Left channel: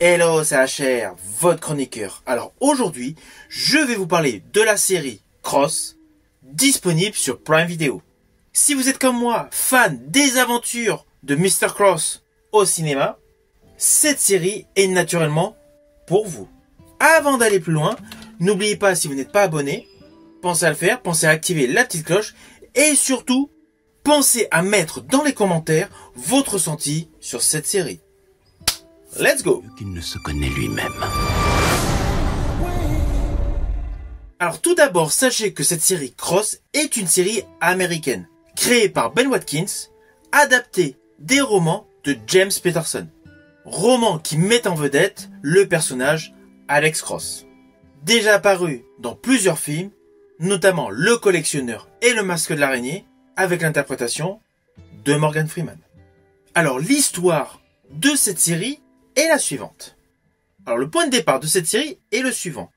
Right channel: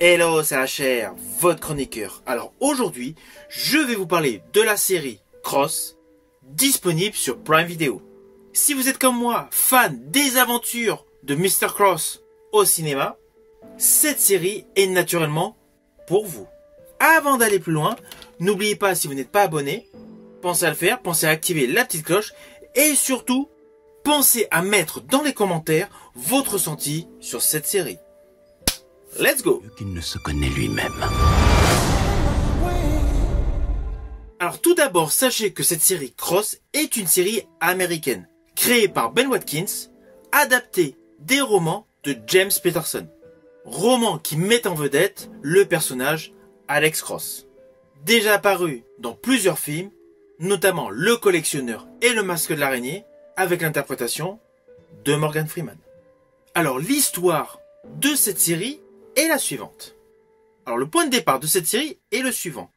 Hello, c'est HR, votre chroniqueur. Alors aujourd'hui, je vais vous parler de la série Cross, disponible sur Prime Video. Si vous êtes comme moi, fan des aventures de Mr. Cross au cinéma, cette série est naturellement pour vous. Avant d'aller plus loin, n'oubliez pas, si vous n'êtes pas abonné, pensez à le faire, pensez à activer la petite cloche et surtout, pensez à mettre dans les commentaires votre ressenti sur cette série. Let's go! Qu'il ne se connaît lui-même. Alors tout d'abord, sachez que cette série Cross est une série américaine, créée par Ben Watkins, adaptée des romans de James Patterson. Romans qui mettent en vedette le personnage Alex Cross. Déjà apparu dans plusieurs films, notamment Le Collectionneur et Le Masque de l'Araignée, avec l'interprétation de Morgan Freeman. Alors l'histoire de cette série est la suivante. Alors le point de départ de cette série est le suivant.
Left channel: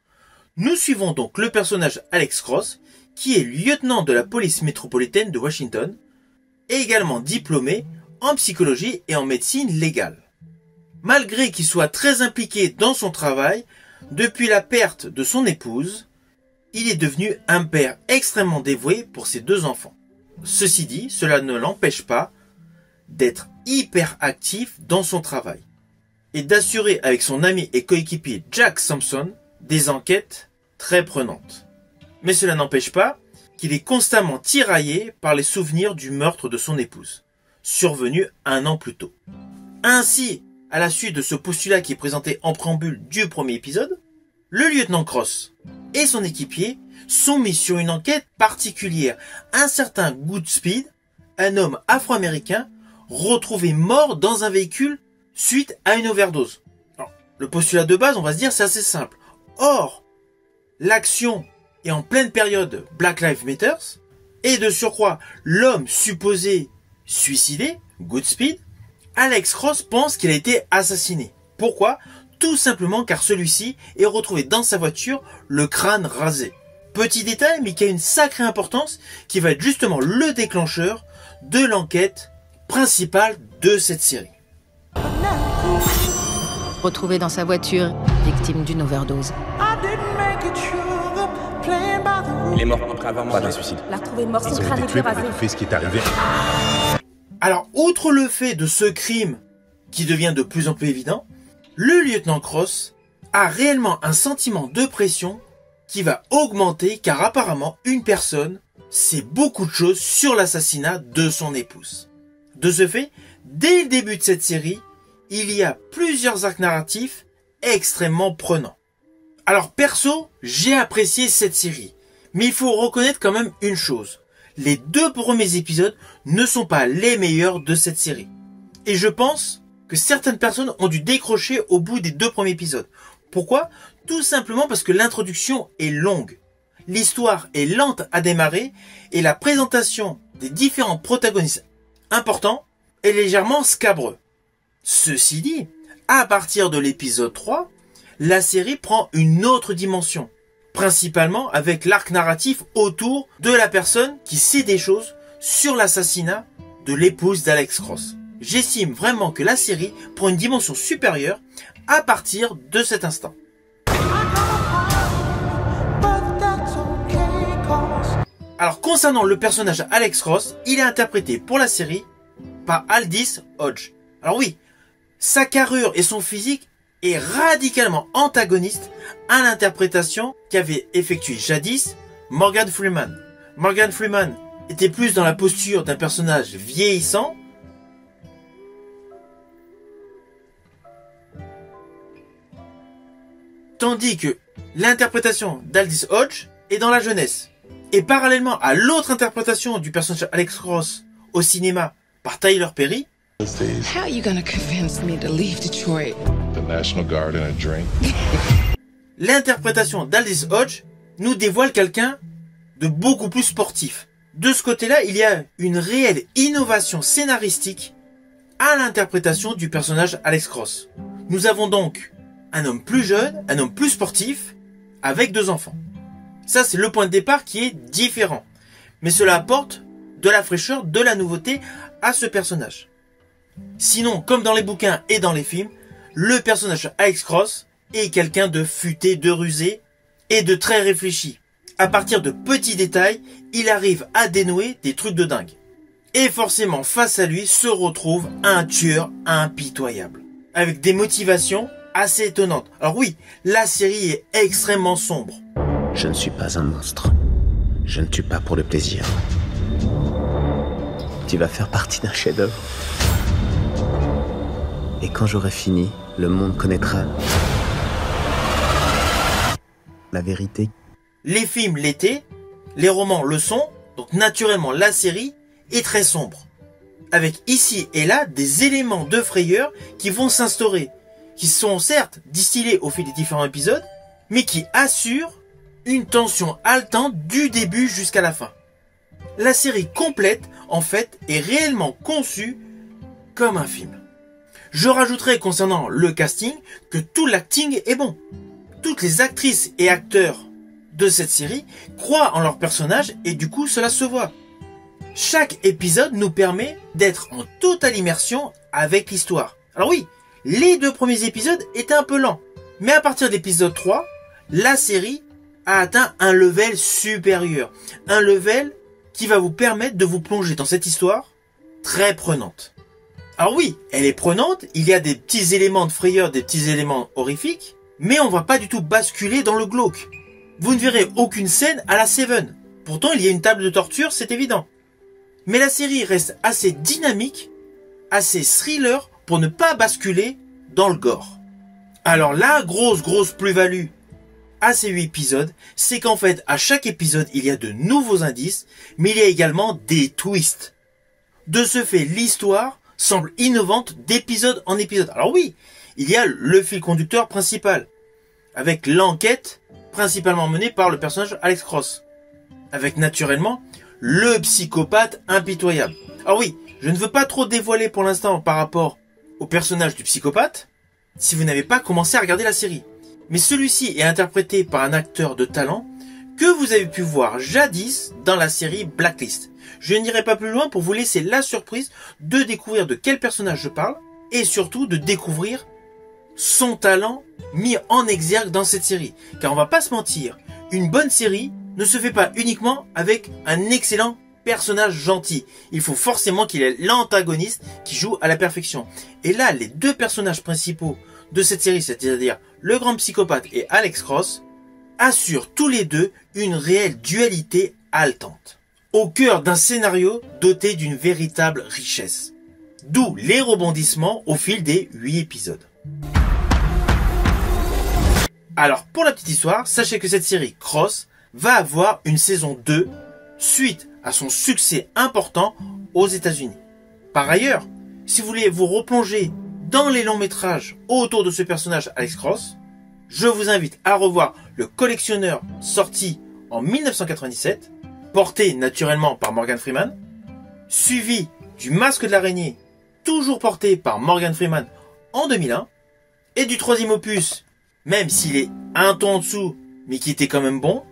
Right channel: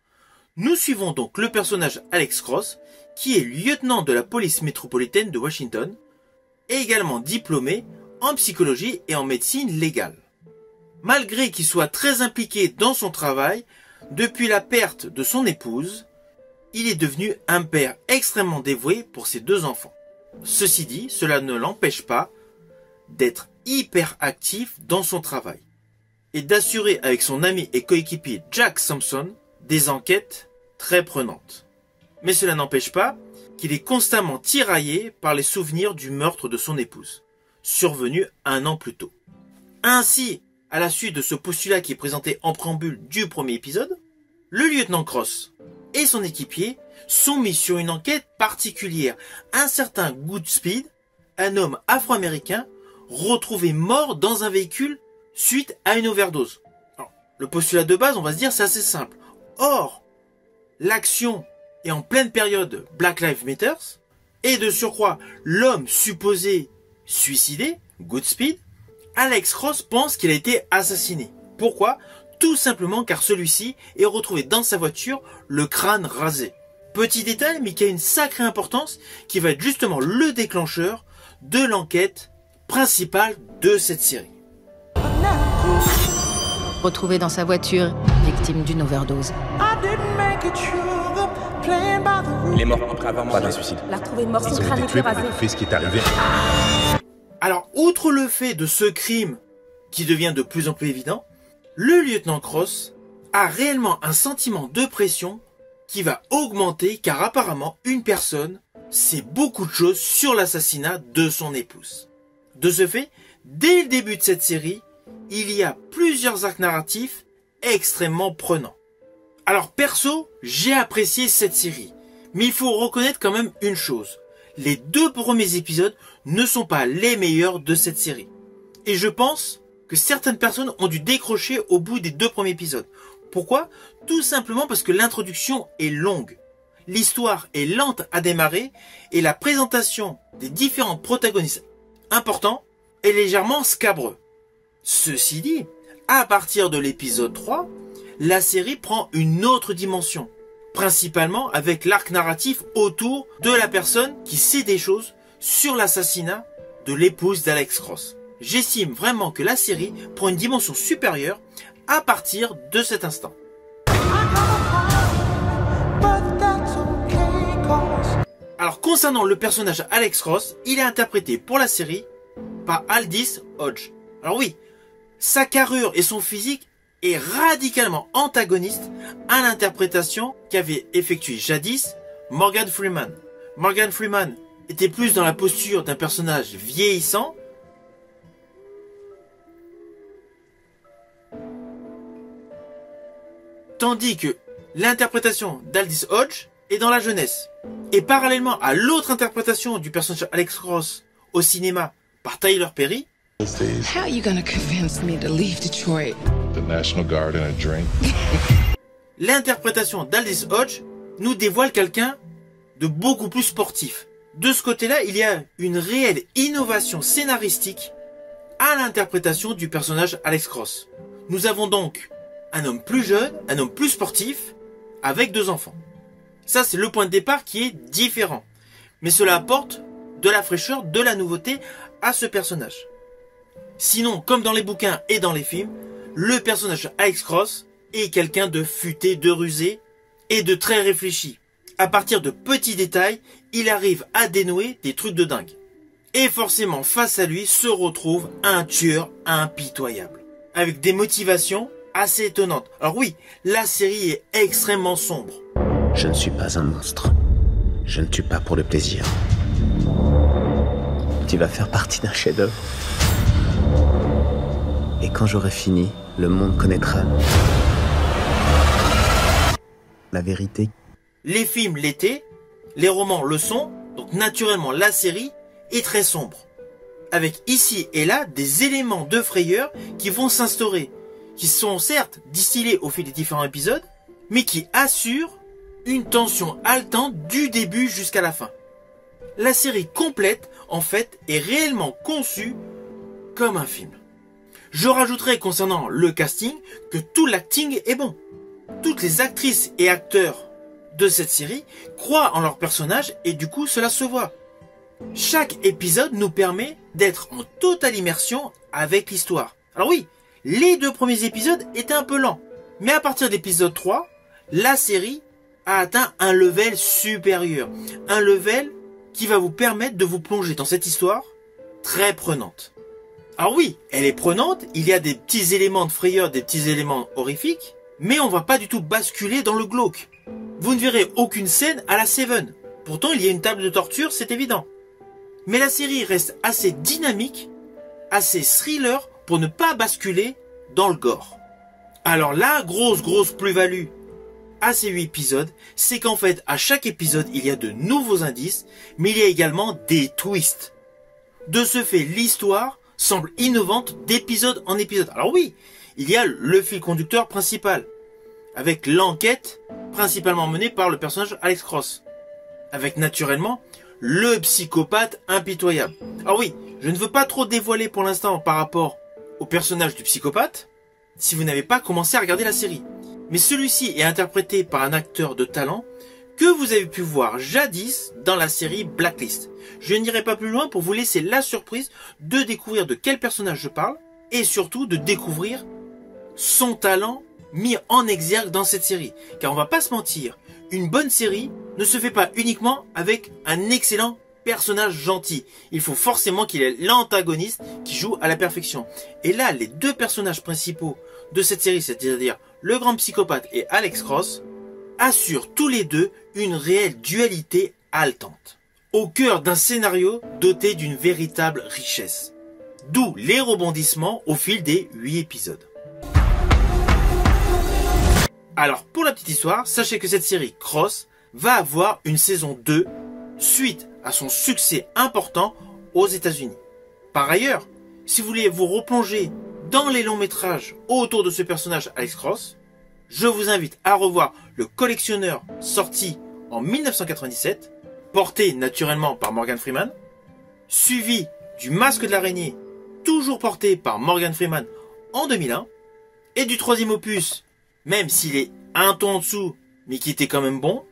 Nous suivons donc le personnage Alex Cross, qui est lieutenant de la police métropolitaine de Washington, et également diplômé en psychologie et en médecine légale. Malgré qu'il soit très impliqué dans son travail, depuis la perte de son épouse, il est devenu un père extrêmement dévoué pour ses deux enfants. Ceci dit, cela ne l'empêche pas d'être hyper actif dans son travail et d'assurer avec son ami et coéquipier Jack Thompson des enquêtes très prenantes. Mais cela n'empêche pas qu'il est constamment tiraillé par les souvenirs du meurtre de son épouse, survenu 1 an plus tôt. Ainsi, à la suite de ce postulat qui est présenté en préambule du premier épisode, le lieutenant Cross et son équipier sont mis sur une enquête particulière. Un certain Goodspeed, un homme afro-américain, retrouvé mort dans un véhicule suite à une overdose. Alors, le postulat de base, on va se dire, c'est assez simple. Or, l'action est en pleine période Black Lives Matter, et de surcroît, l'homme supposé suicidé, Goodspeed, Alex Cross pense qu'il a été assassiné. Pourquoi ? Tout simplement car celui-ci est retrouvé dans sa voiture, le crâne rasé. Petit détail, mais qui a une sacrée importance, qui va être justement le déclencheur de l'enquête principale de cette série. Retrouvé dans sa voiture, victime d'une overdose. Il est mort après avoir mangé. Pas d'un suicide. L'a retrouvé mort, son Ils ont crâne été était tués pour rasé. étouffer ce qui est arrivé. Alors, outre le fait de ce crime qui devient de plus en plus évident, le lieutenant Cross a réellement un sentiment de pression qui va augmenter car apparemment une personne sait beaucoup de choses sur l'assassinat de son épouse. De ce fait, dès le début de cette série, il y a plusieurs arcs narratifs extrêmement prenants. Alors perso, j'ai apprécié cette série, mais il faut reconnaître quand même une chose. Les 2 premiers épisodes ne sont pas les meilleurs de cette série. Et je pense que certaines personnes ont dû décrocher au bout des 2 premiers épisodes. Pourquoi ? Tout simplement parce que l'introduction est longue. L'histoire est lente à démarrer et la présentation des différents protagonistes importants est légèrement scabreux. Ceci dit, à partir de l'épisode 3, la série prend une autre dimension, principalement avec l'arc narratif autour de la personne qui sait des choses sur l'assassinat de l'épouse d'Alex Cross. J'estime vraiment que la série prend une dimension supérieure à partir de cet instant. Alors concernant le personnage Alex Cross, il est interprété pour la série par Aldis Hodge. Alors oui, sa carrure et son physique est radicalement antagoniste à l'interprétation qu'avait effectuée jadis Morgan Freeman. Morgan Freeman était plus dans la posture d'un personnage vieillissant, tandis que l'interprétation d'Aldis Hodge est dans la jeunesse. Et parallèlement à l'autre interprétation du personnage Alex Cross au cinéma par Tyler Perry, How are you gonna convince me to leave Detroit? The National Guard and a drink. l'interprétation d'Aldis Hodge nous dévoile quelqu'un de beaucoup plus sportif. De ce côté-là, il y a une réelle innovation scénaristique à l'interprétation du personnage Alex Cross. Nous avons donc un homme plus jeune, un homme plus sportif, avec 2 enfants. Ça, c'est le point de départ qui est différent. Mais cela apporte de la fraîcheur, de la nouveauté à ce personnage. Sinon, comme dans les bouquins et dans les films, le personnage Alex Cross est quelqu'un de futé, de rusé et de très réfléchi. À partir de petits détails, il arrive à dénouer des trucs de dingue. Et forcément, face à lui se retrouve un tueur impitoyable, avec des motivations assez étonnantes. Alors oui, la série est extrêmement sombre. Je ne suis pas un monstre. Je ne tue pas pour le plaisir. Tu vas faire partie d'un chef-d'œuvre. Et quand j'aurai fini, le monde connaîtra la vérité. Les films l'été, les romans le sont, donc naturellement la série est très sombre. Avec ici et là des éléments de frayeur qui vont s'instaurer, qui sont certes distillés au fil des différents épisodes, mais qui assurent une tension haletante du début jusqu'à la fin. La série complète, en fait, est réellement conçue comme un film. Je rajouterai concernant le casting que tout l'acting est bon. Toutes les actrices et acteurs de cette série croient en leur personnage et du coup cela se voit. Chaque épisode nous permet d'être en totale immersion avec l'histoire. Alors oui, les 2 premiers épisodes étaient un peu lents, mais à partir de l'épisode 3, la série a atteint un level supérieur. Un level qui va vous permettre de vous plonger dans cette histoire très prenante. Alors oui, elle est prenante, il y a des petits éléments de frayeur, des petits éléments horrifiques, mais on ne va pas du tout basculer dans le glauque. Vous ne verrez aucune scène à la Seven. Pourtant, il y a une table de torture, c'est évident. Mais la série reste assez dynamique, assez thriller pour ne pas basculer dans le gore. Alors la grosse plus-value à ces 8 épisodes, c'est qu'en fait, à chaque épisode, il y a de nouveaux indices, mais il y a également des twists. De ce fait, l'histoire semble innovante d'épisode en épisode. Alors oui, il y a le fil conducteur principal, avec l'enquête principalement menée par le personnage Alex Cross, avec naturellement le psychopathe impitoyable. Alors oui, je ne veux pas trop dévoiler pour l'instant par rapport au personnage du psychopathe, si vous n'avez pas commencé à regarder la série. Mais celui-ci est interprété par un acteur de talent que vous avez pu voir jadis dans la série Blacklist. Je n'irai pas plus loin pour vous laisser la surprise de découvrir de quel personnage je parle et surtout de découvrir son talent mis en exergue dans cette série. Car on va pas se mentir, une bonne série ne se fait pas uniquement avec un excellent personnage gentil. Il faut forcément qu'il y ait l'antagoniste qui joue à la perfection. Et là, les 2 personnages principaux de cette série, c'est-à-dire le grand psychopathe et Alex Cross, assurent tous les 2 une réelle dualité haletante, au cœur d'un scénario doté d'une véritable richesse. D'où les rebondissements au fil des 8 épisodes. Alors, pour la petite histoire, sachez que cette série Cross va avoir une saison 2 suite à son succès important aux États-Unis. Par ailleurs, si vous voulez vous replonger dans les longs métrages autour de ce personnage Alex Cross, je vous invite à revoir Le Collectionneur sorti en 1997, porté naturellement par Morgan Freeman, suivi du Masque de l'araignée, toujours porté par Morgan Freeman en 2001, et du 3e opus, même s'il est un ton en dessous, mais qui était quand même bon,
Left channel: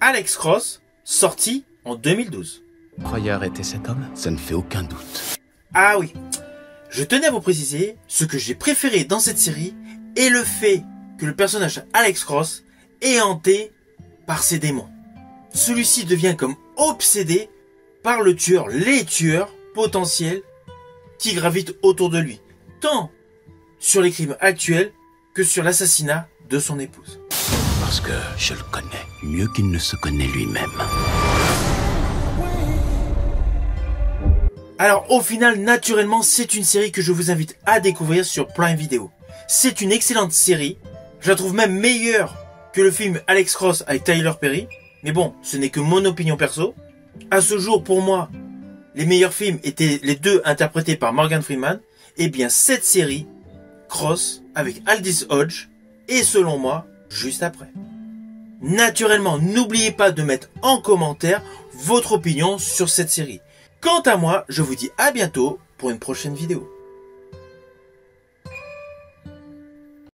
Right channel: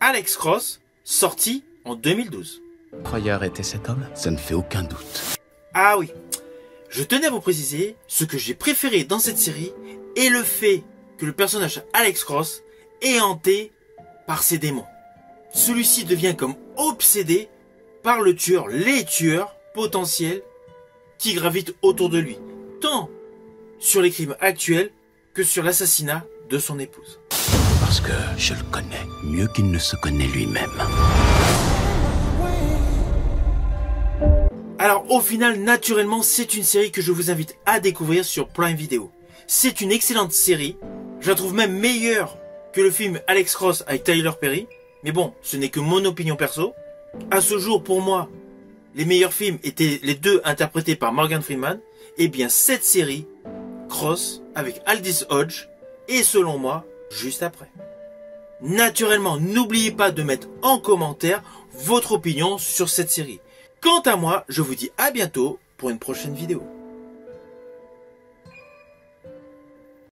Alex Cross, sorti en 2012. Croyez arrêter cet homme? Ça ne fait aucun doute. Ah oui, je tenais à vous préciser, ce que j'ai préféré dans cette série est le fait que le personnage Alex Cross est hanté par ses démons. Celui-ci devient comme obsédé par le tueur, les tueurs potentiels qui gravitent autour de lui, tant sur les crimes actuels que sur l'assassinat de son épouse. Parce que je le connais mieux qu'il ne se connaît lui-même. Alors au final, naturellement, c'est une série que je vous invite à découvrir sur Prime Video. C'est une excellente série, je la trouve même meilleure que le film Alex Cross avec Tyler Perry. Mais bon, ce n'est que mon opinion perso. À ce jour, pour moi, les meilleurs films étaient les 2 interprétés par Morgan Freeman. Et bien cette série, Cross, avec Aldis Hodge, est selon moi, juste après. Naturellement, n'oubliez pas de mettre en commentaire votre opinion sur cette série. Quant à moi, je vous dis à bientôt pour une prochaine vidéo.